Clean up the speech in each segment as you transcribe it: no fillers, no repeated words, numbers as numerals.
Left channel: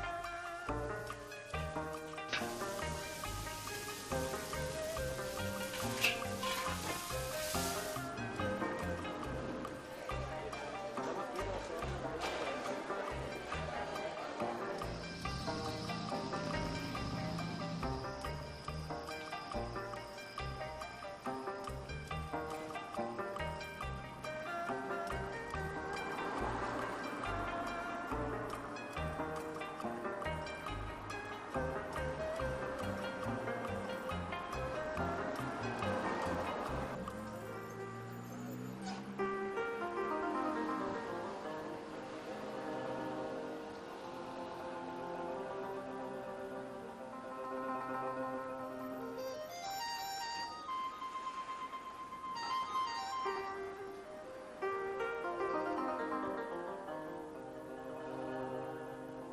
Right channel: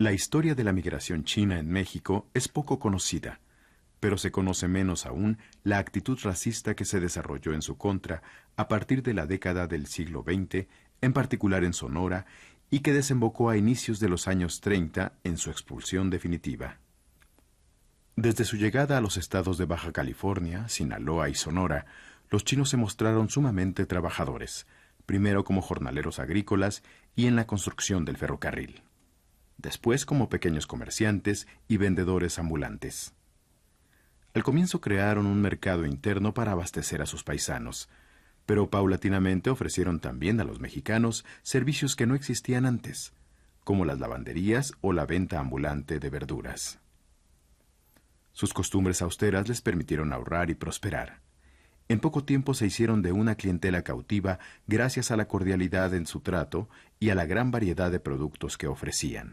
La historia de la migración china en México es poco conocida, pero se conoce menos aún la actitud racista que se desarrolló en su contra a partir de la década del siglo XX, en particular en Sonora, y que desembocó a inicios de los años 30 en su expulsión definitiva. Desde su llegada a los estados de Baja California, Sinaloa y Sonora, los chinos se mostraron sumamente trabajadores, primero como jornaleros agrícolas y en la construcción del ferrocarril, después como pequeños comerciantes y vendedores ambulantes. Al comienzo crearon un mercado interno para abastecer a sus paisanos, pero paulatinamente ofrecieron también a los mexicanos servicios que no existían antes, como las lavanderías o la venta ambulante de verduras. Sus costumbres austeras les permitieron ahorrar y prosperar. En poco tiempo se hicieron de una clientela cautiva gracias a la cordialidad en su trato y a la gran variedad de productos que ofrecían.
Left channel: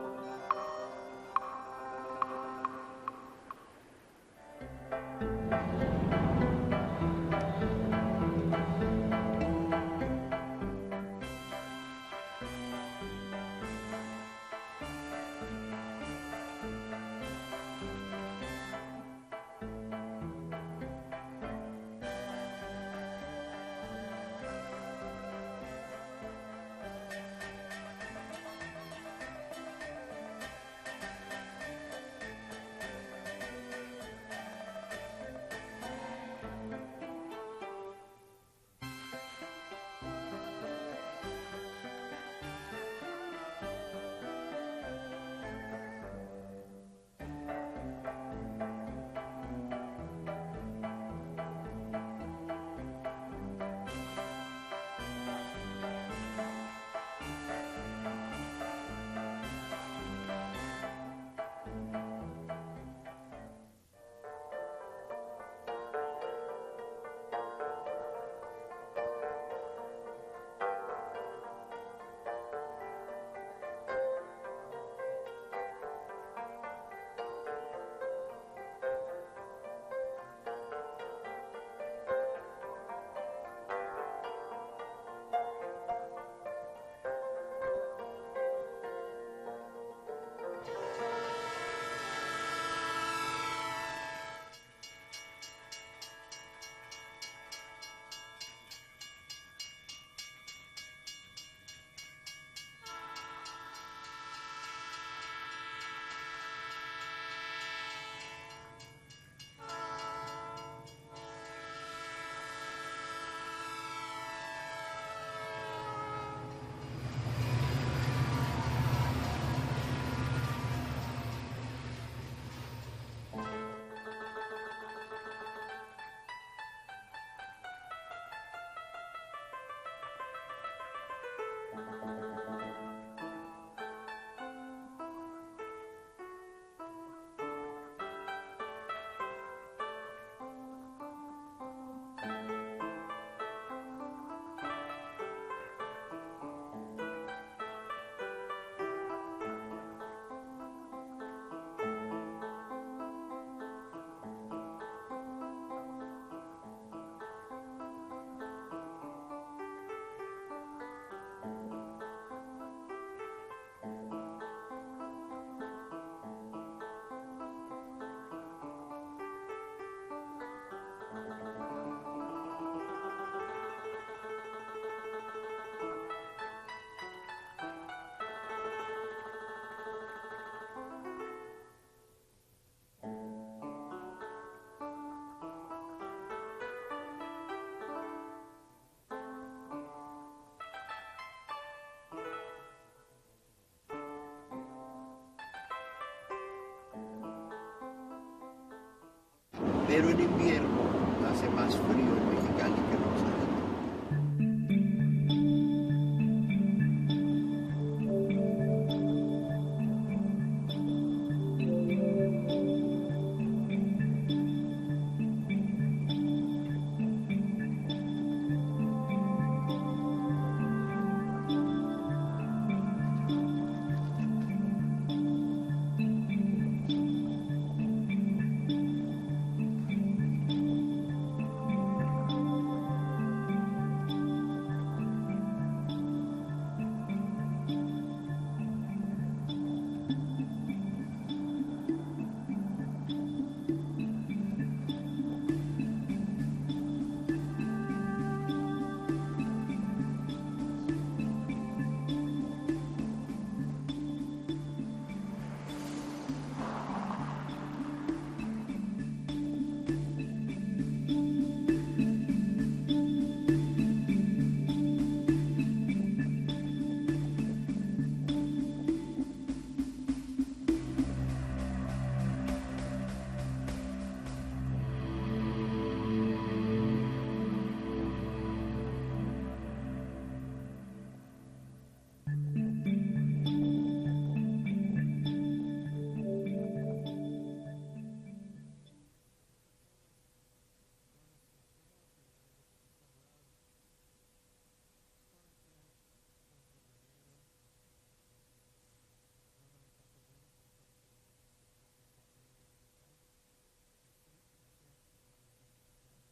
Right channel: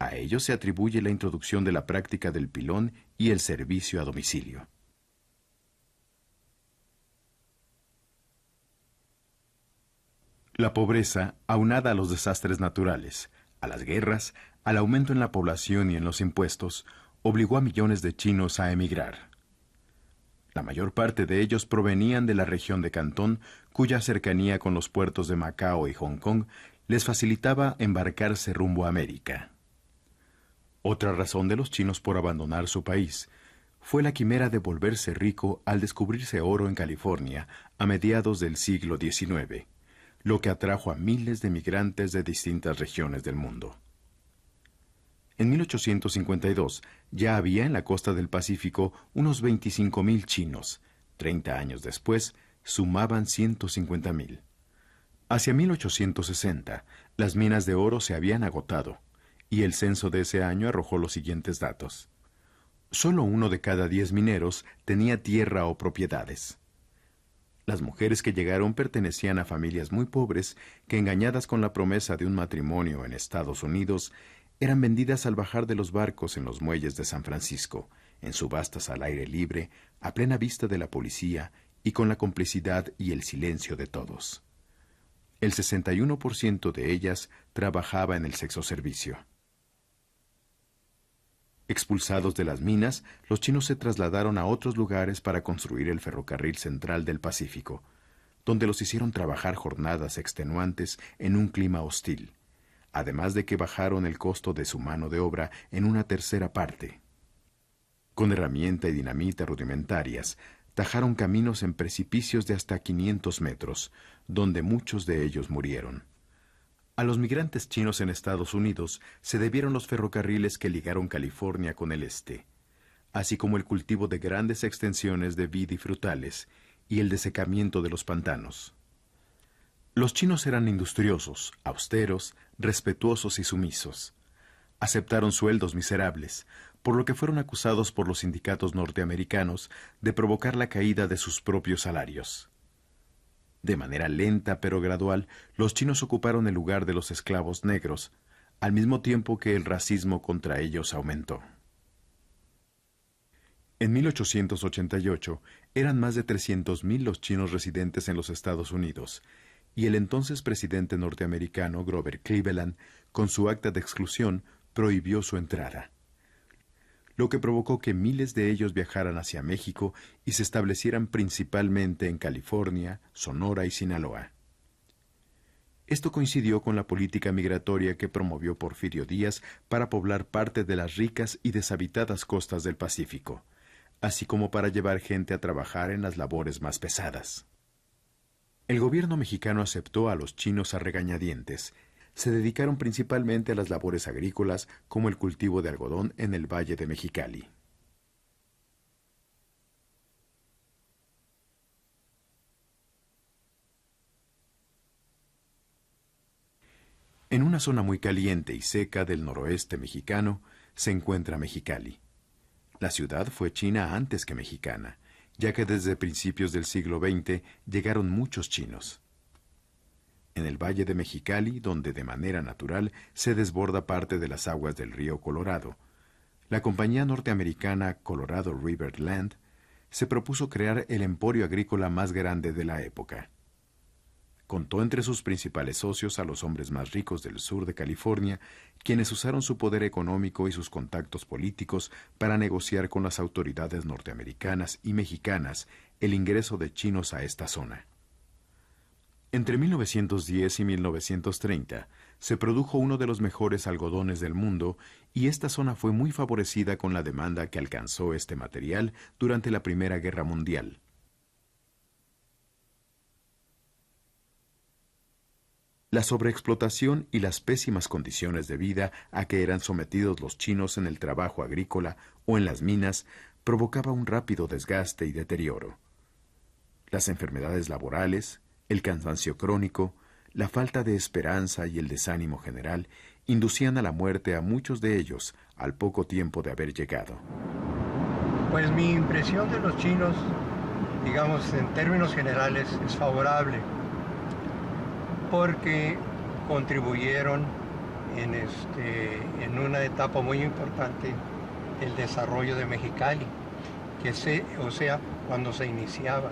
A ellos se atribuye la introducción de la práctica del pilón y el servicio a domicilio. La pobreza, aunada a los desastres naturales, a las guerras, al aumento en la población y en los impuestos, obligó a millones de chinos a emigrar. La mayor parte de ellos provenían de la región de Cantón, cuya cercanía con los puertos de Macao y Hong Kong les facilitaba embarcarse rumbo a América. Otra razón de los chinos por abandonar su país fue la quimera de volverse rico al descubrirse oro en California a mediados del siglo XIX, lo que atrajo a miles de migrantes de distintas regiones del mundo. En 1852 ya había en la costa del Pacífico unos 25,000 chinos. 30 años después sumaban 150,000. Hacia 1860, las minas de oro se habían agotado y el censo de ese año arrojó los siguientes datos. Solo 1 de cada 10 mineros tenía tierra o propiedades. Las mujeres que llegaron pertenecían a familias muy pobres que, engañadas con la promesa de un matrimonio en Estados Unidos, eran vendidas al bajar de los barcos en los muelles de San Francisco, en subastas al aire libre, a plena vista de la policía y con la complicidad y el silencio de todos. El 61% de ellas trabajaba en el sexoservicio. Expulsados de las minas, los chinos se trasladaron a otros lugares para construir el ferrocarril central del Pacífico, donde los hicieron trabajar jornadas extenuantes en un clima hostil, además de que bajaron el costo de su mano de obra en una tercera parte. Con herramienta y dinamita rudimentarias, tajaron caminos en precipicios de hasta 500 metros, donde muchos de ellos murieron. A los migrantes chinos en Estados Unidos se debieron los ferrocarriles que ligaron California con el este, así como el cultivo de grandes extensiones de vid y frutales y el desecamiento de los pantanos. Los chinos eran industriosos, austeros, respetuosos y sumisos. Aceptaron sueldos miserables, por lo que fueron acusados por los sindicatos norteamericanos de provocar la caída de sus propios salarios. De manera lenta pero gradual, los chinos ocuparon el lugar de los esclavos negros, al mismo tiempo que el racismo contra ellos aumentó. En 1888 eran más de 300,000 los chinos residentes en los Estados Unidos, y el entonces presidente norteamericano Grover Cleveland, con su acta de exclusión, prohibió su entrada, lo que provocó que miles de ellos viajaran hacia México y se establecieran principalmente en California, Sonora y Sinaloa. Esto coincidió con la política migratoria que promovió Porfirio Díaz para poblar parte de las ricas y deshabitadas costas del Pacífico, así como para llevar gente a trabajar en las labores más pesadas. El gobierno mexicano aceptó a los chinos a regañadientes. Se dedicaron principalmente a las labores agrícolas, como el cultivo de algodón en el Valle de Mexicali. Pero en invierno hace más frío en Mexicali que en Rosarito. En una zona muy caliente y seca del noroeste mexicano se encuentra Mexicali. La ciudad fue china antes que mexicana, ya que desde principios del siglo XX llegaron muchos chinos. En el Valle de Mexicali, donde de manera natural se desborda parte de las aguas del río Colorado, la compañía norteamericana Colorado River Land se propuso crear el emporio agrícola más grande de la época. Contó entre sus principales socios a los hombres más ricos del sur de California, quienes usaron su poder económico y sus contactos políticos para negociar con las autoridades norteamericanas y mexicanas el ingreso de chinos a esta zona. Entre 1910 y 1930 se produjo uno de los mejores algodones del mundo y esta zona fue muy favorecida con la demanda que alcanzó este material durante la Primera Guerra Mundial. La sobreexplotación y las pésimas condiciones de vida a que eran sometidos los chinos en el trabajo agrícola o en las minas provocaba un rápido desgaste y deterioro. Las enfermedades laborales, el cansancio crónico, la falta de esperanza y el desánimo general inducían a la muerte a muchos de ellos al poco tiempo de haber llegado. Pues mi impresión de los chinos, digamos en términos generales, es favorable, porque contribuyeron en una etapa muy importante del desarrollo de Mexicali, cuando se iniciaba.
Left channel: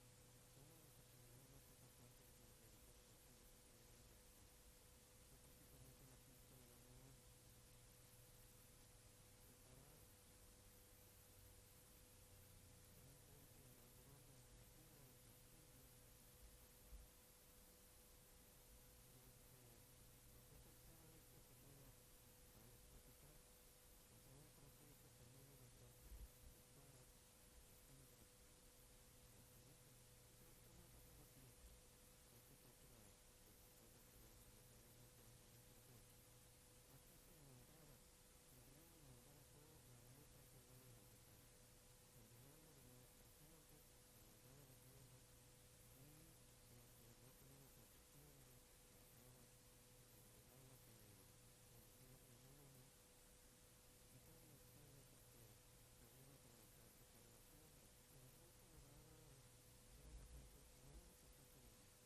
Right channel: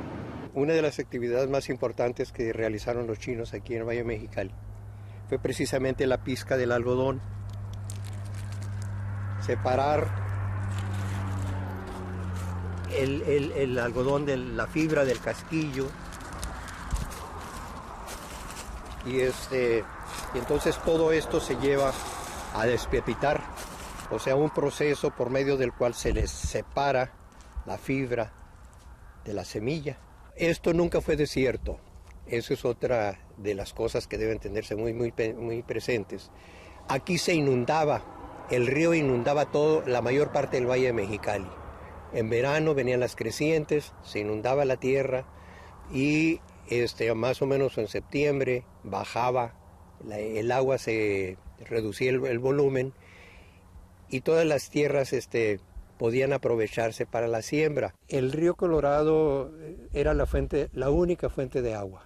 Una de las actividades más importantes que realizaron los chinos aquí en el Valle de Mexicali fue precisamente la pizca del algodón. Separar el algodón de la fibra del casquillo y entonces todo esto se lleva a despepitar, o sea, un proceso por medio del cual se les separa la fibra de la semilla. Esto nunca fue desierto. Eso es otra de las cosas que deben tenerse muy presentes. Aquí se inundaba, el río inundaba la mayor parte del Valle de Mexicali. En verano venían las crecientes, se inundaba la tierra y más o menos en septiembre bajaba, el agua se reducía el volumen y todas las tierras podían aprovecharse para la siembra. El río Colorado era la única fuente de agua.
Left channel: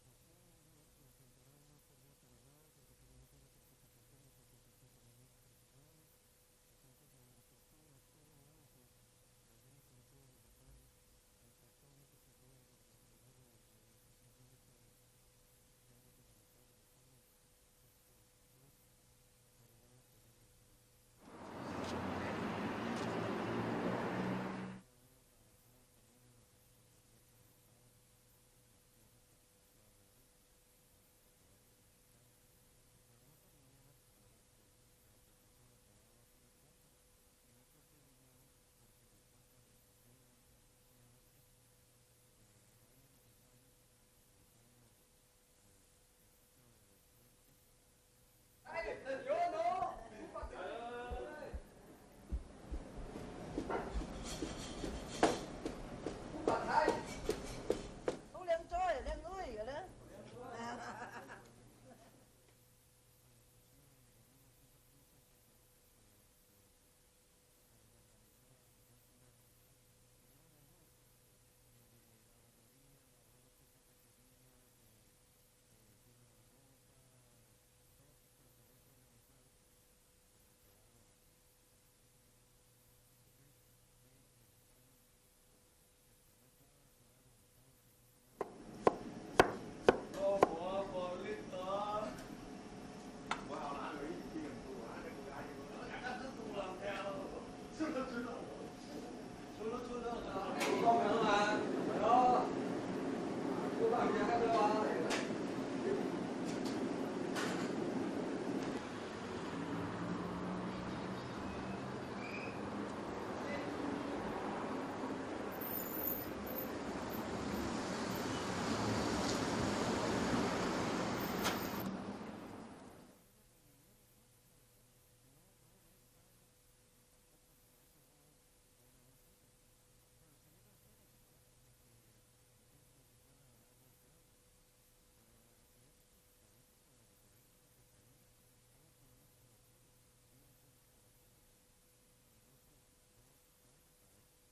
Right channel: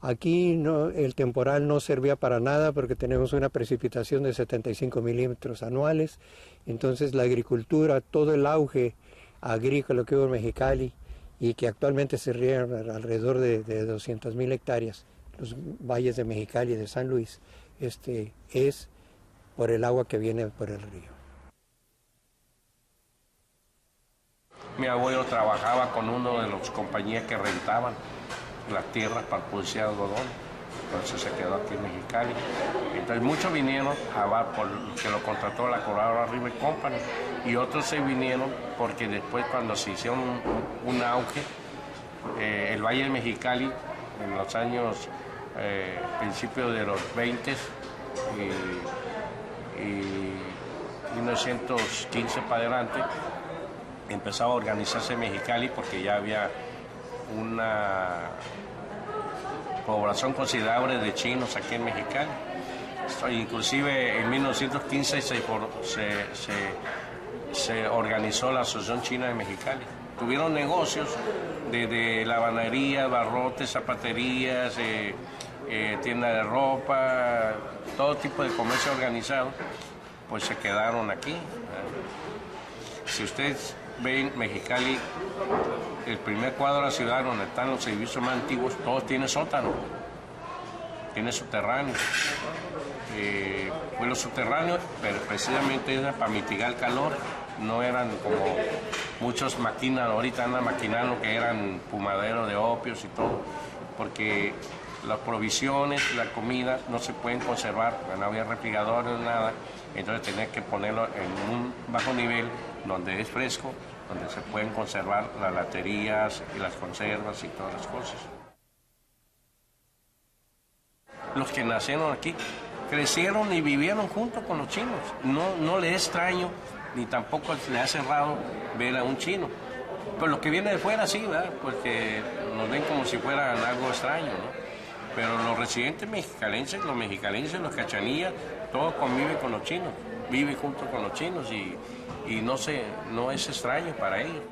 Aquí el temporal no servía para nada porque tenemos una precipitación de 75 milímetros anuales. Entonces la agricultura, todo el auge agrícola que hubo en Mexicali y que actualmente se riegan alrededor de 200,000 hectáreas, los valles de Mexicali y de San Luis, es por el agua que viene por el río. Mi abuelo trabajaba con uno de las compañías que rentaban las tierras para producir algodón, entonces se quedó aquí en Mexicali. Entonces muchos vinieron que lo contrató la Colorado River Company y otros se vinieron porque después cuando se hicieron un auge, el Valle de Mexicali en los años principios de los 20 y 1915 para adelante, empezaba a organizarse en Mexicali porque ya había una población considerable de chinos aquí en Mexicali. Inclusive en 1915 se organizó la Asociación China de Mexicali. Tuvieron negocios de lavandería, barrotes, zapaterías, tiendas de ropa, todo tipo de comercio organizado, pues se quedaron aquí. Si ustedes ven Mexicali, el primer cuadro de la ciudad donde están los edificios más antiguos, todos tienen sótano, tiene subterráneo. Pues los subterráneos, pero precisamente eran para mitigar el calor, no eran como muchos ahorita andan maquinando que eran fumaderos de opios y todo, porque las provisiones, la comida no se pueden conservar, no había refrigeradores, nada, entonces tenía que ponerlo en un bajo nivel donde es fresco, donde se pueden conservar las laterías y las conservas y todas las cosas. Los que nacieron aquí crecieron y vivieron junto con los chinos. No les es extraño ni tampoco le hace raro ver a un chino. Pero los que vienen de fuera sí, ¿verdad? Porque nos ven como si fueran algo extraño, ¿no? Pero los residentes mexicalenses, los cachanillas, todos conviven con los chinos, viven junto con los chinos y no es extraño para ellos.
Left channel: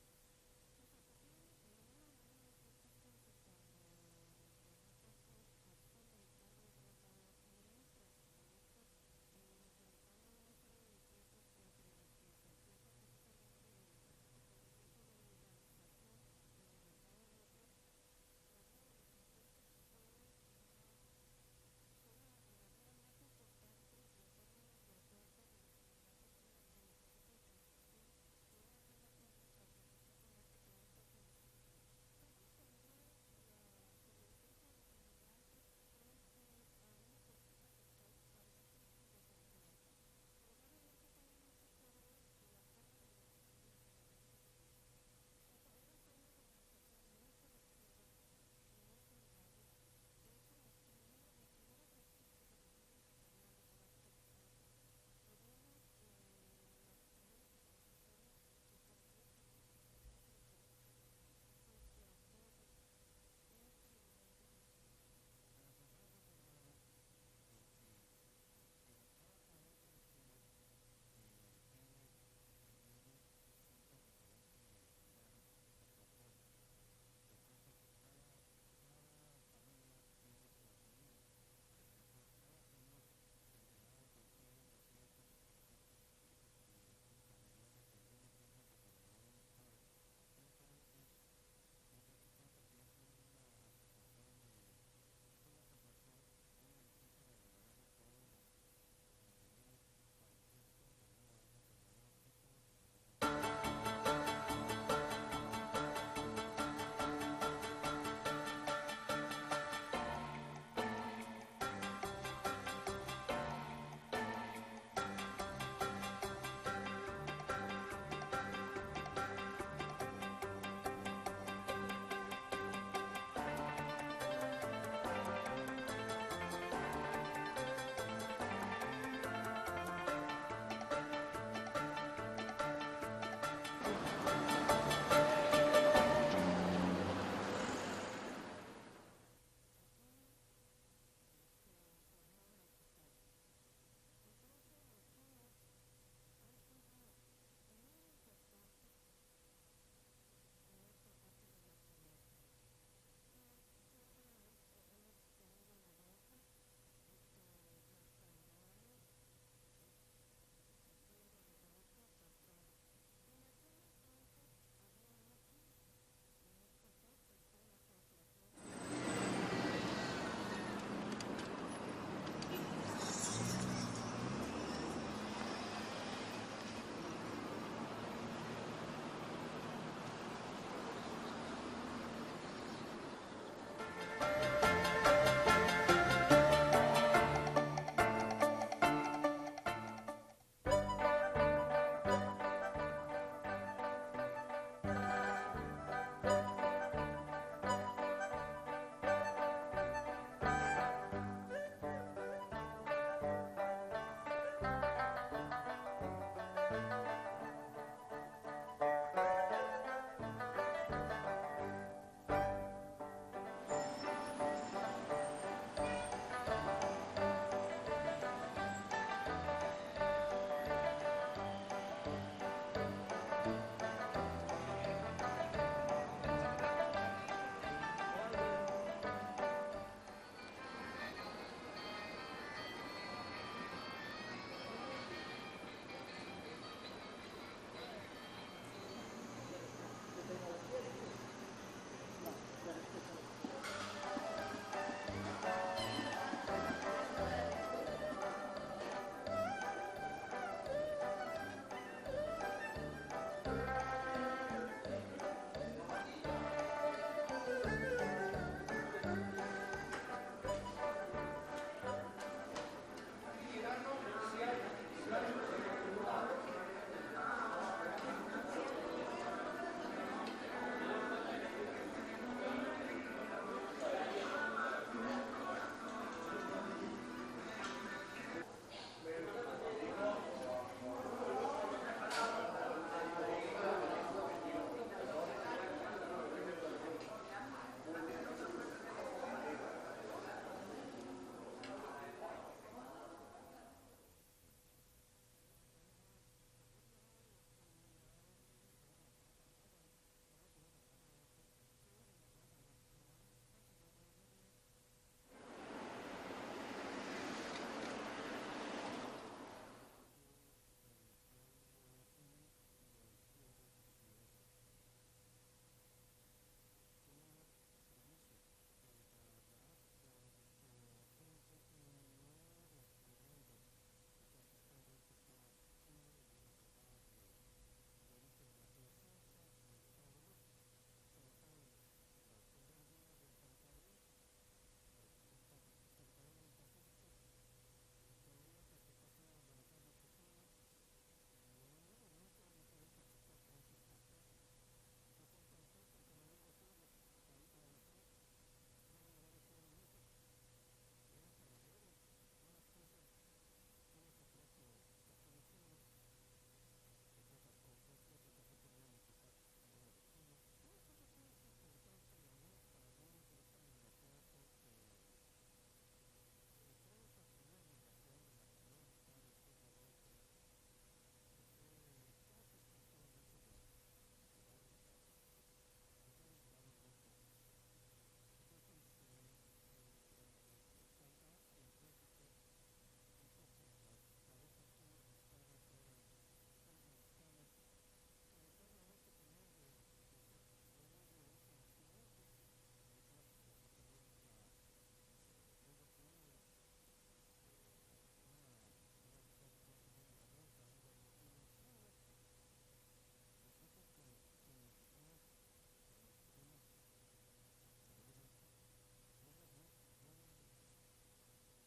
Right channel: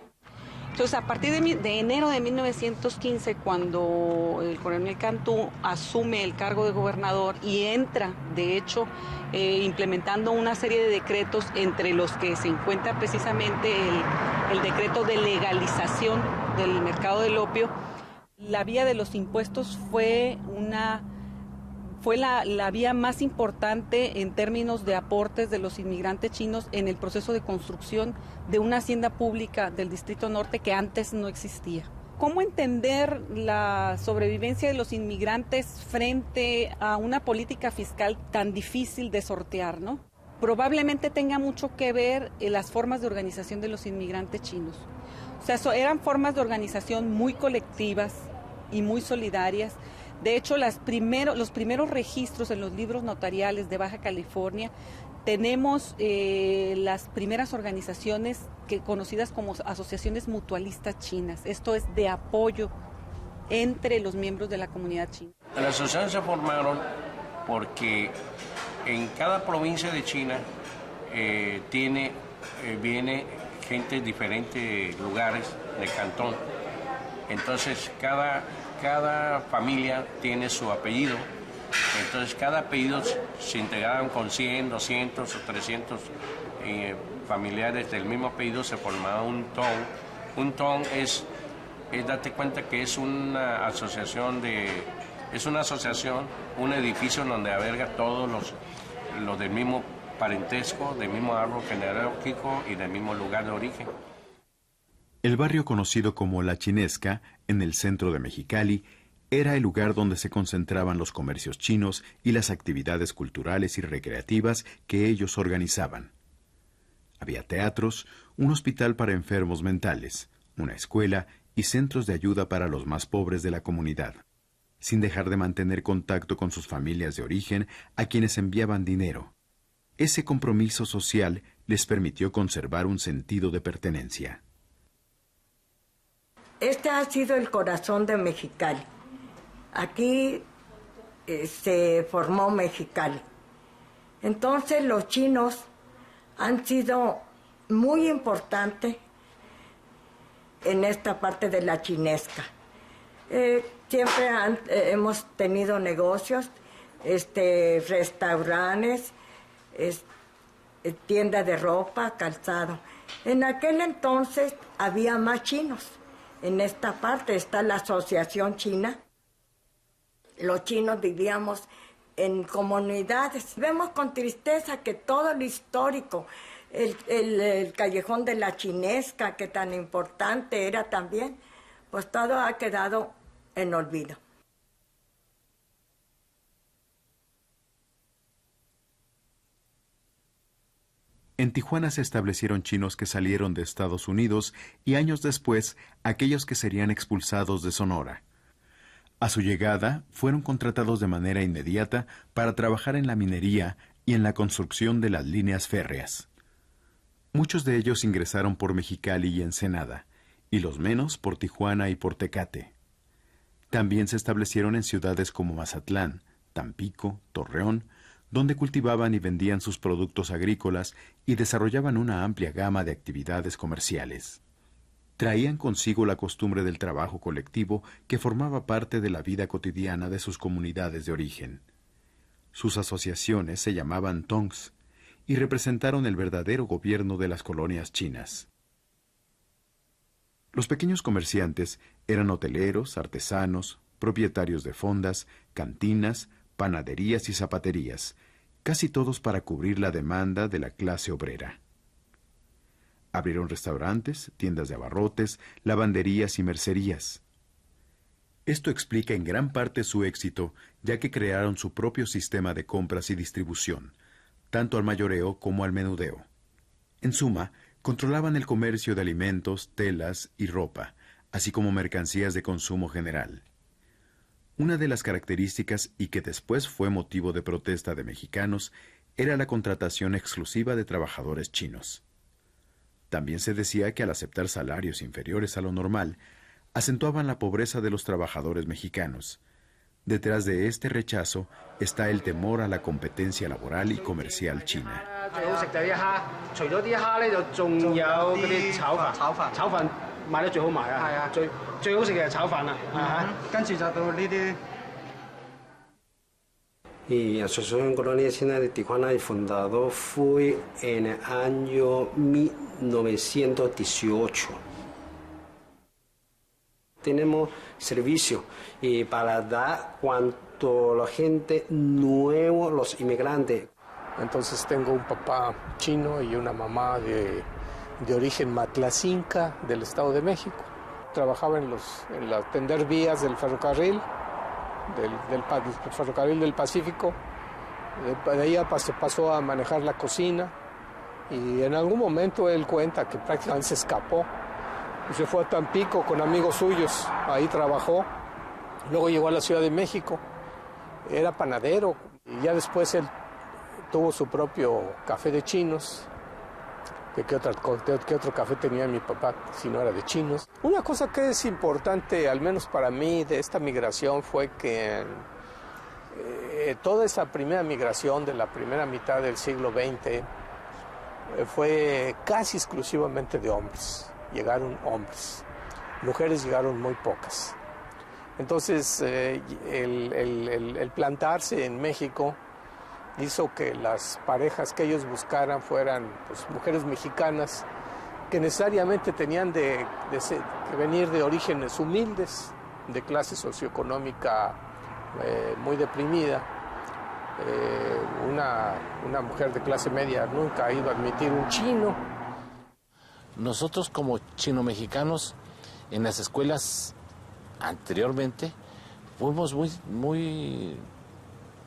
Entonces, a partir de enero de 1915, cuando el coronel Cantú asume el cargo de gobernador y entra, de hecho, implementando una serie de decretos, entre los que se encuentra precisamente el decreto de legalización del mercado del opio, la vía de los impuestos fue la vía más importante en términos de aportes de los inmigrantes chinos en el proceso de construcción de una hacienda pública del Distrito Norte que antes no existía. ¿Cómo entender la sobrevivencia de los inmigrantes frente a una política fiscal tan difícil de sortear, ¿no? Probablemente tenga mucho que ver las formas de organización de los inmigrantes chinos. O sea, eran formas de organización muy colectivas y muy solidarias. De hecho, los primeros registros en los libros notariales de Baja California, tenemos las primeras organizaciones conocidas como asociaciones mutualistas chinas. Esto es de apoyo entre los miembros de la comunidad china. Las asociaciones se formaron porque en cada provincia de China viene gente de diferentes lugares del cantón. Entonces, cada familia tiene su apellido, entonces cada apellido se integraban con 100, 200 o 300 familiares del mismo apellido, se formaba un tong. Un tong date cuenta que es una asociación, un edificio donde alberga todos los del mismo parentesco, del mismo árbol genealógico y del mismo lugar de origen. El barrio conocido como La Chinesca, en el centro de Mexicali, era el lugar donde se concentraban los comercios chinos y las actividades culturales y recreativas que ellos organizaban. Había teatros, un hospital para enfermos mentales, una escuela y centros de ayuda para los más pobres de la comunidad, sin dejar de mantener contacto con sus familias de origen a quienes enviaban dinero. Ese compromiso social les permitió conservar un sentido de pertenencia. Este ha sido el corazón de Mexicali. Aquí se formó Mexicali. Entonces los chinos han sido muy importantes en esta parte de La Chinesca. Siempre hemos tenido negocios, restaurantes, tiendas de ropa, calzado. En aquel entonces había más chinos. En esta parte está la Asociación China. Los chinos vivíamos en comunidades. Vemos con tristeza que todo lo histórico, el callejón de La Chinesca, que tan importante era también, pues todo ha quedado en olvido. En Tijuana se establecieron chinos que salieron de Estados Unidos y años después aquellos que serían expulsados de Sonora. A su llegada, fueron contratados de manera inmediata para trabajar en la minería y en la construcción de las líneas férreas. Muchos de ellos ingresaron por Mexicali y Ensenada, y los menos por Tijuana y por Tecate. También se establecieron en ciudades como Mazatlán, Tampico, Torreón, donde cultivaban y vendían sus productos agrícolas y desarrollaban una amplia gama de actividades comerciales. Traían consigo la costumbre del trabajo colectivo que formaba parte de la vida cotidiana de sus comunidades de origen. Sus asociaciones se llamaban tongs y representaron el verdadero gobierno de las colonias chinas. Los pequeños comerciantes eran hoteleros, artesanos, propietarios de fondas, cantinas, panaderías y zapaterías, casi todos para cubrir la demanda de la clase obrera. Abrieron restaurantes, tiendas de abarrotes, lavanderías y mercerías. Esto explica en gran parte su éxito, ya que crearon su propio sistema de compras y distribución, tanto al mayoreo como al menudeo. En suma, controlaban el comercio de alimentos, telas y ropa, así como mercancías de consumo general. Una de las características, y que después fue motivo de protesta de mexicanos, era la contratación exclusiva de trabajadores chinos. También se decía que al aceptar salarios inferiores a lo normal, acentuaban la pobreza de los trabajadores mexicanos. Detrás de este rechazo está el temor a la competencia laboral y comercial china. 買得最好賣啊！係啊，最好食嘅係炒飯啦，跟住就到呢啲。Y Asociación Colonia China de Tijuana y fundado fue en el año 1918. Tenemos servicio y para dar cuanto la gente nueva, los inmigrantes. Entonces tengo un papá chino y una mamá de origen matlacinca del Estado de México. Trabajaba en tender vías del ferrocarril, del ferrocarril del Pacífico. De ahí pasó a manejar la cocina y en algún momento él cuenta que prácticamente se escapó y se fue a Tampico con amigos suyos. Ahí trabajó. Luego llegó a la Ciudad de México. Era panadero y ya después él tuvo su propio café de chinos. ¿Qué otro café tenía mi papá si no era de chinos? Una cosa que es importante, al menos para mí, de esta migración fue que toda esa primera migración de la primera mitad del siglo XX fue casi exclusivamente de hombres. Llegaron hombres. Mujeres llegaron muy pocas. Entonces, el plantarse en México hizo que las parejas que ellos buscaran fueran pues, mujeres mexicanas que necesariamente tenían que venir de orígenes humildes, de clase socioeconómica muy deprimida. Una mujer de clase media nunca iba a admitir un chino. Nosotros como chino-mexicanos en las escuelas anteriormente fuimos muy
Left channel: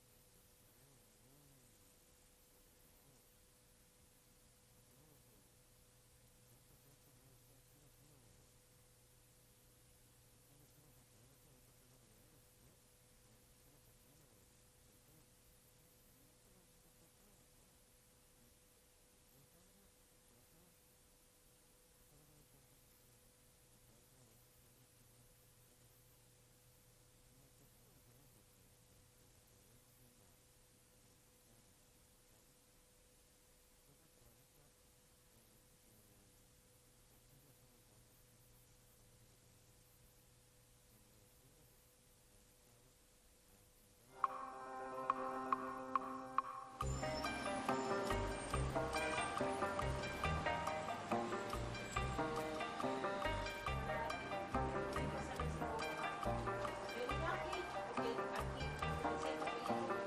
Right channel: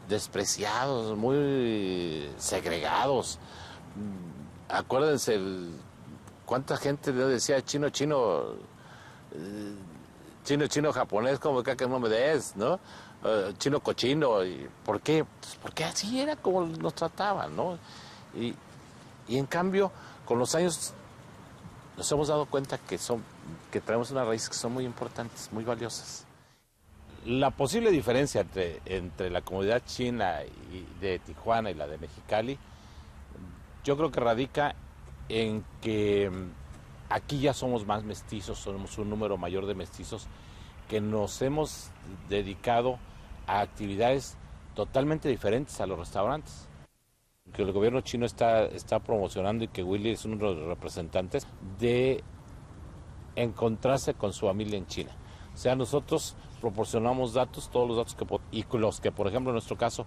despreciados, muy segregados. Acuérdense cuánta gente decía chino, japonés, como que no me des, ¿no? Chino cochino. ¿Por qué? Pues porque así era como nos trataban, ¿no? Y en cambio, con los años nos hemos dado cuenta que traemos unas raíces que son muy importantes, muy valiosas. La posible diferencia entre la comunidad china de Tijuana y la de Mexicali, yo creo que radica en que aquí ya somos más mestizos, somos un número mayor de mestizos que nos hemos dedicado a actividades totalmente diferentes a los restaurantes. Que el gobierno chino está promocionando y que Willy es uno de los representantes de encontrarse con su familia en China. O sea, nosotros proporcionamos datos, todos los datos y los que, por ejemplo, en nuestro caso,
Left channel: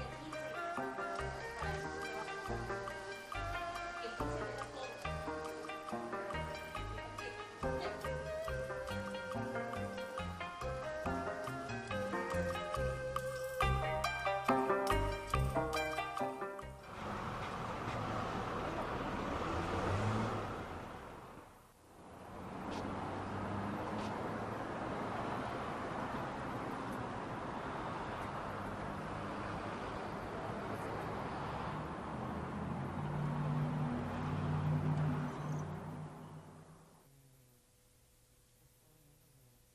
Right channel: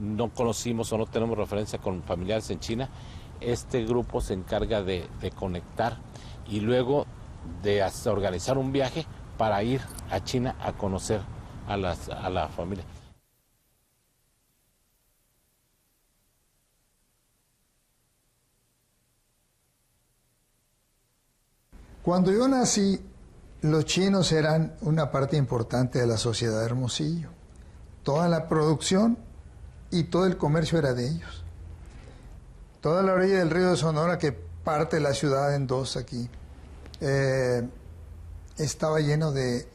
no conocimos o no tenemos referencia con familiares en China, este grupo se encarga de conectar y luego de organizar un viaje para ir a China a conocer a la familia. Cuando yo nací, los chinos eran una parte importante de la sociedad de Hermosillo. Toda la producción y todo el comercio era de ellos. Toda la orilla del río de Sonora, que parte la ciudad en dos aquí, estaba lleno de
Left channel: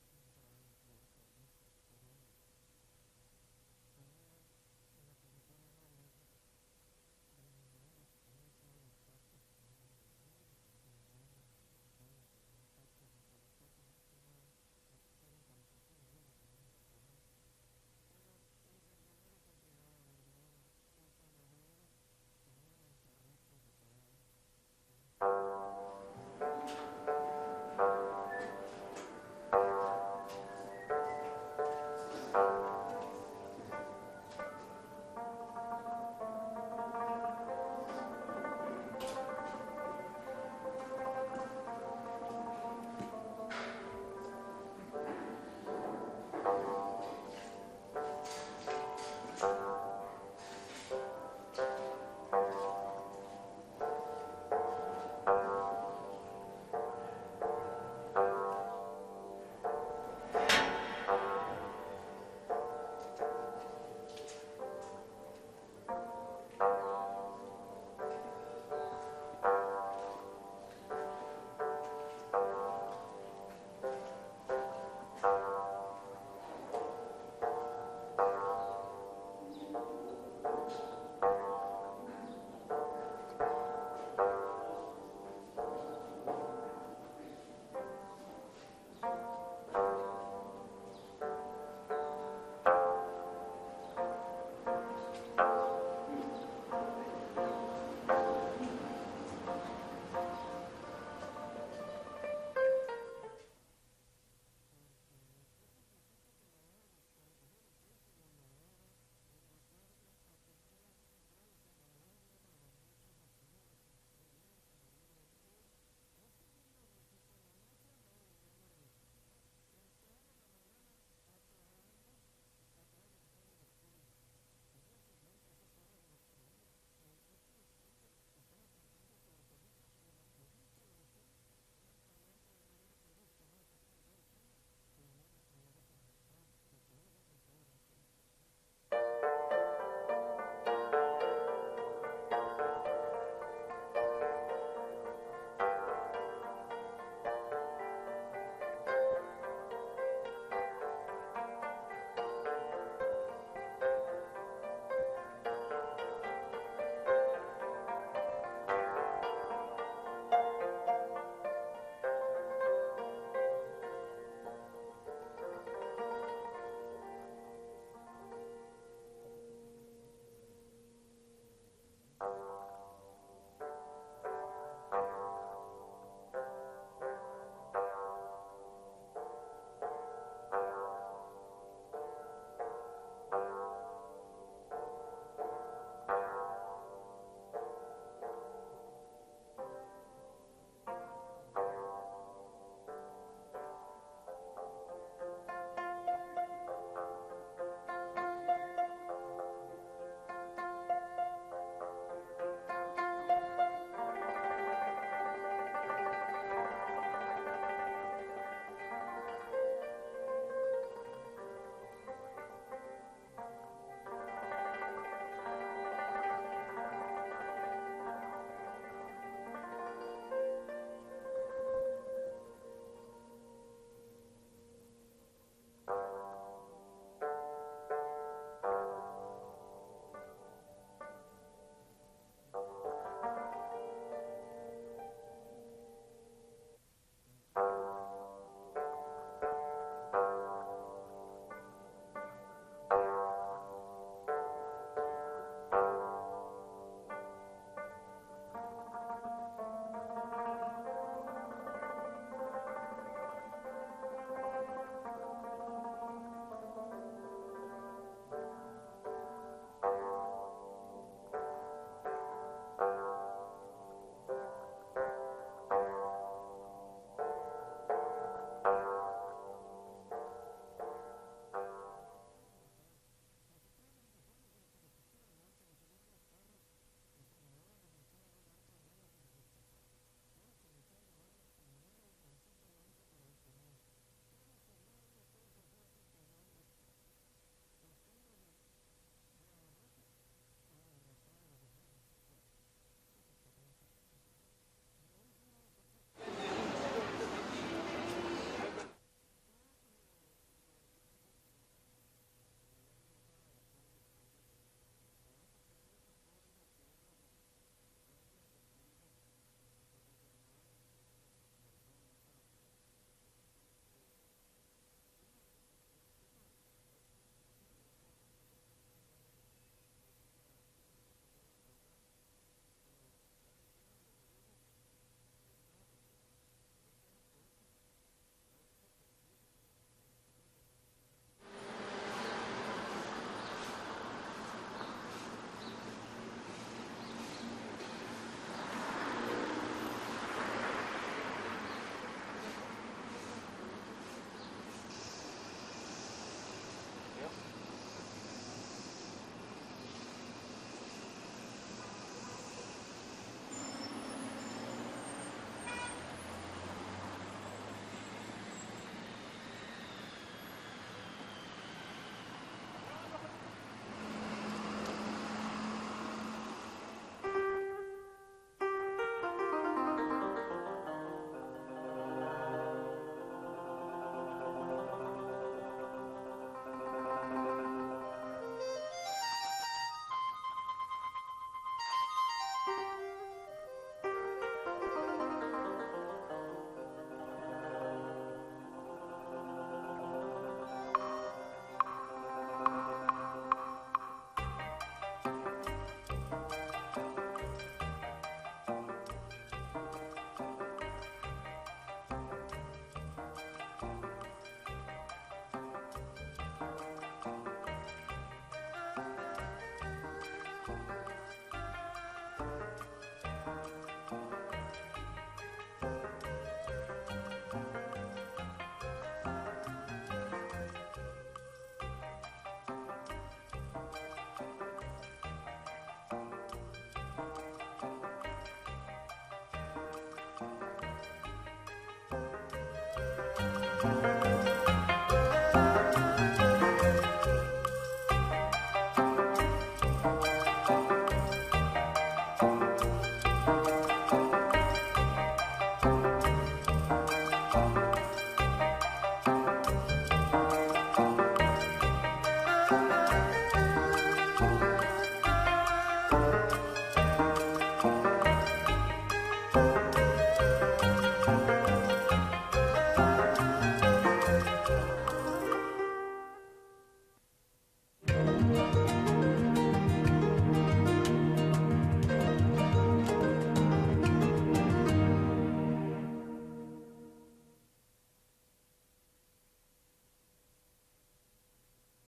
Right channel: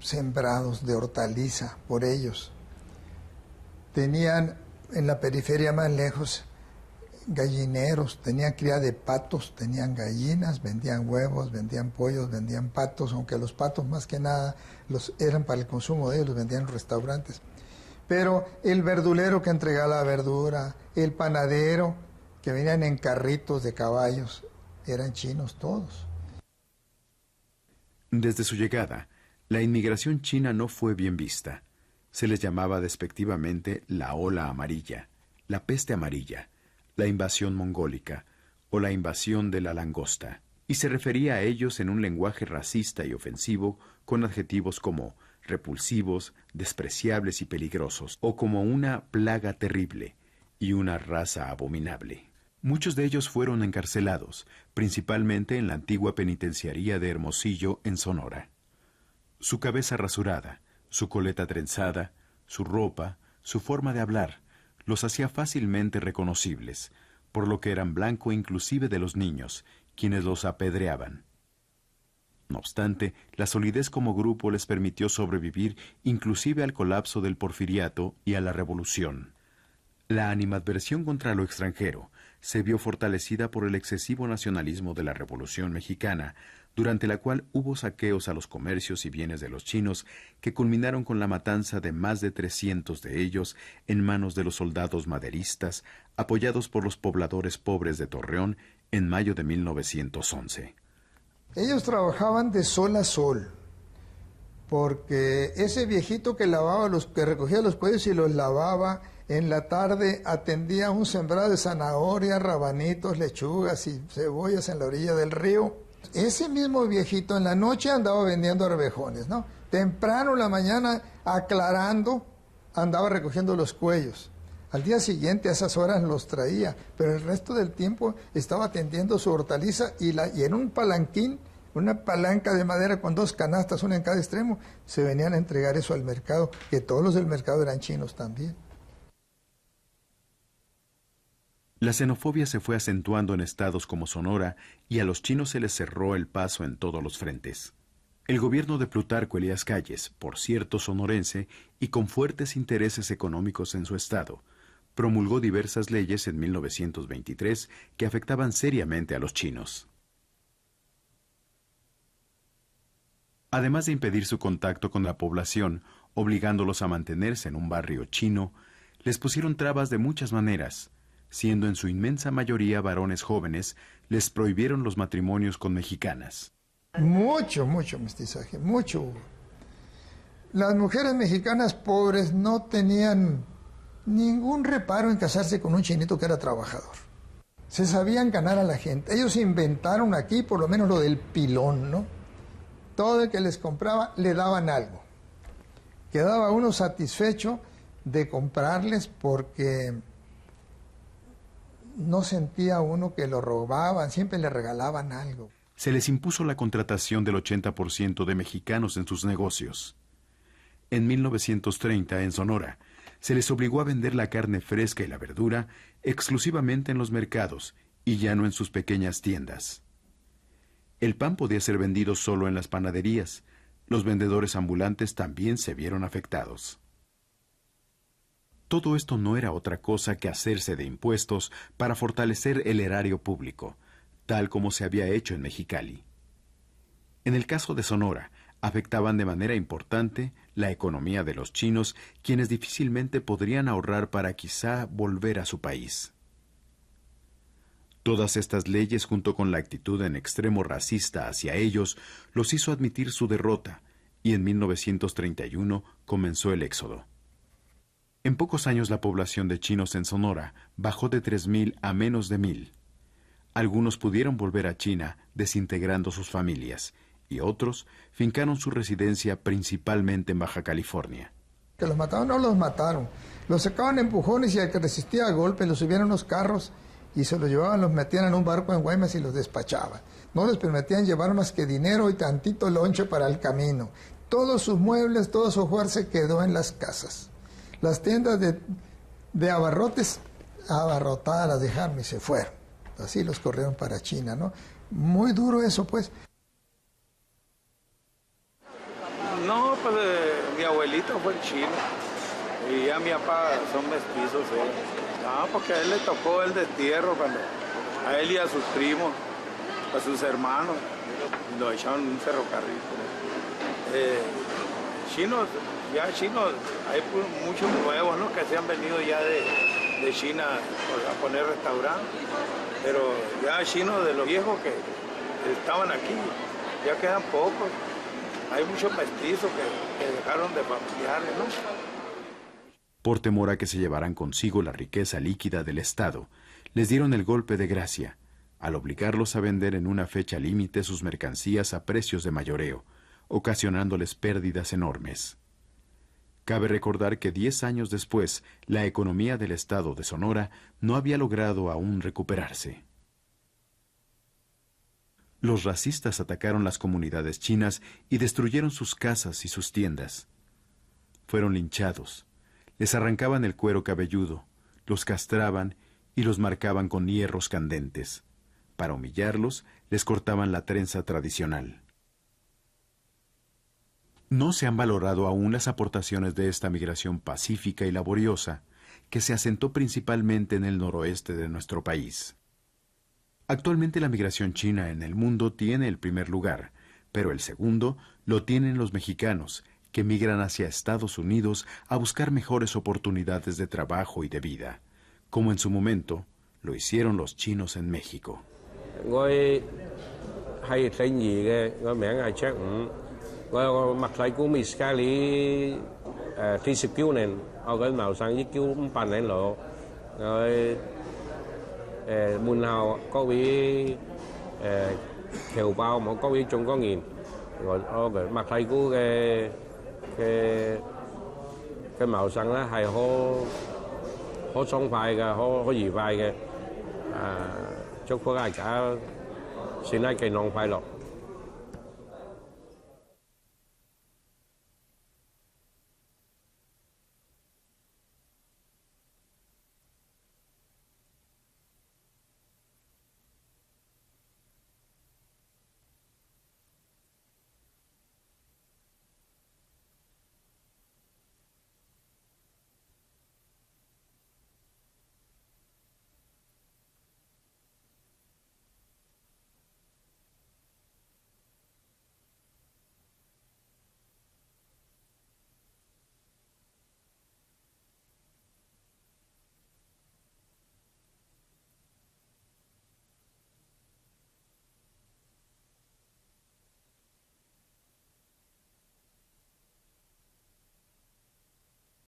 sembrados de hortaliza por ellos. Tenían en la periferia más lejos gallineros, tenían cría de patos, tenían gallinas, vendían huevos, vendían pollos, vendían patos, aunque los patos más que nada eran para el consumo de ellos, los vendían en restaurantes. Pero el verdulero que entregaba la verdura, el panadero que venían en carritos de caballos, eran chinos todos. Desde su llegada, la inmigración china no fue bien vista. Se les llamaba despectivamente la ola amarilla, la peste amarilla, la invasión mongólica o la invasión de la langosta, y se refería a ellos en un lenguaje racista y ofensivo con adjetivos como repulsivos, despreciables y peligrosos, o como una plaga terrible y una raza abominable. Muchos de ellos fueron encarcelados, principalmente en la antigua penitenciaría de Hermosillo, en Sonora. Su cabeza rasurada, su coleta trenzada, su ropa, su forma de hablar, los hacía fácilmente reconocibles, por lo que eran blanco inclusive de los niños, quienes los apedreaban. No obstante, la solidez como grupo les permitió sobrevivir inclusive al colapso del porfiriato y a la revolución. La animadversión contra lo extranjero se vio fortalecida por el excesivo nacionalismo de la Revolución Mexicana, durante la cual hubo saqueos a los comercios y bienes de los chinos que culminaron con la matanza de más de 300 de ellos en manos de los soldados maderistas, apoyados por los pobladores pobres de Torreón en mayo de 1911. Ellos trabajaban de sol a sol, porque ese viejito que recogía los cuellos y los lavaba, en la tarde atendía un sembrado de zanahorias, rabanitos, lechugas y cebollas en la orilla del río. Ese mismo viejito en la noche andaba vendiendo arvejones, ¿no? Temprano en la mañana, aclarando, andaba recogiendo los cuellos. Al día siguiente a esas horas los traía, pero el resto del tiempo estaba atendiendo su hortaliza y en un palanquín, una palanca de madera con 2 canastas, una en cada extremo, se venían a entregar eso al mercado, que todos los del mercado eran chinos también. La xenofobia se fue acentuando en estados como Sonora y a los chinos se les cerró el paso en todos los frentes. El gobierno de Plutarco Elías Calles, por cierto sonorense y con fuertes intereses económicos en su estado, promulgó diversas leyes en 1923 que afectaban seriamente a los chinos. Además de impedir su contacto con la población, obligándolos a mantenerse en un barrio chino, les pusieron trabas de muchas maneras. Siendo en su inmensa mayoría varones jóvenes, les prohibieron los matrimonios con mexicanas. Mucho mestizaje, mucho hubo. Las mujeres mexicanas pobres no tenían ningún reparo en casarse con un chinito que era trabajador. Se sabían ganar a la gente. Ellos inventaron aquí por lo menos lo del pilón, ¿no? Todo el que les compraba le daban algo. Quedaba uno satisfecho de comprarles porque no sentía uno que lo robaban, siempre le regalaban algo. Se les impuso la contratación del 80% de mexicanos en sus negocios. En 1930, en Sonora, se les obligó a vender la carne fresca y la verdura exclusivamente en los mercados y ya no en sus pequeñas tiendas. El pan podía ser vendido solo en las panaderías. Los vendedores ambulantes también se vieron afectados. Todo esto no era otra cosa que hacerse de impuestos para fortalecer el erario público, tal como se había hecho en Mexicali. En el caso de Sonora, afectaban de manera importante la economía de los chinos, quienes difícilmente podrían ahorrar para quizá volver a su país. Todas estas leyes, junto con la actitud en extremo racista hacia ellos, los hizo admitir su derrota, y en 1931 comenzó el éxodo. En pocos años la población de chinos en Sonora bajó de 3,000 a menos de 1,000. Algunos pudieron volver a China desintegrando sus familias y otros fincaron su residencia principalmente en Baja California. Que los mataron, no los mataron. Los sacaban empujones y al que resistía a golpes los subían a unos carros y se los llevaban, los metían en un barco en Guaymas y los despachaban. No les permitían llevar más que dinero y tantito lonche para el camino. Todos sus muebles, todo su hogar se quedó en las casas. Las tiendas de abarrotes, abarrotadas las dejaron y se fueron. Así los corrieron para China, ¿no? Muy duro eso, pues. No, pues mi abuelito fue chino y ya mi papá son mestizos. Porque a él le tocó el destierro cuando a él y a sus primos, a sus hermanos, lo echaron en un ferrocarril. Chinos, hay muchos nuevos, ¿no?, que se han venido ya de China a poner restaurantes, pero ya chinos de los viejos que estaban aquí, ya quedan pocos. Hay muchos mestizos que dejaron de familiares, ¿no? Por temor a que se llevaran consigo la riqueza líquida del Estado, les dieron el golpe de gracia, al obligarlos a vender en una fecha límite sus mercancías a precios de mayoreo, ocasionándoles pérdidas enormes. Cabe recordar que 10 años después, la economía del estado de Sonora no había logrado aún recuperarse. Los racistas atacaron las comunidades chinas y destruyeron sus casas y sus tiendas. Fueron linchados, les arrancaban el cuero cabelludo, los castraban y los marcaban con hierros candentes. Para humillarlos, les cortaban la trenza tradicional. No se han valorado aún las aportaciones de esta migración pacífica y laboriosa que se asentó principalmente en el noroeste de nuestro país. Actualmente la migración china en el mundo tiene el primer lugar, pero el segundo lo tienen los mexicanos, que migran hacia Estados Unidos a buscar mejores oportunidades de trabajo y de vida, como en su momento lo hicieron los chinos en México. 我係姓余嘅，個名係卓五。我有個麥麗姑 Miss Kelly 49年，我佢謀生1986，佢門後各位僑胞冇各位中國人，我嘅麥麗姑嘅謀生咧係好爽快嘅，好愉快嘅。祝福大家！ 善喺健康快樂。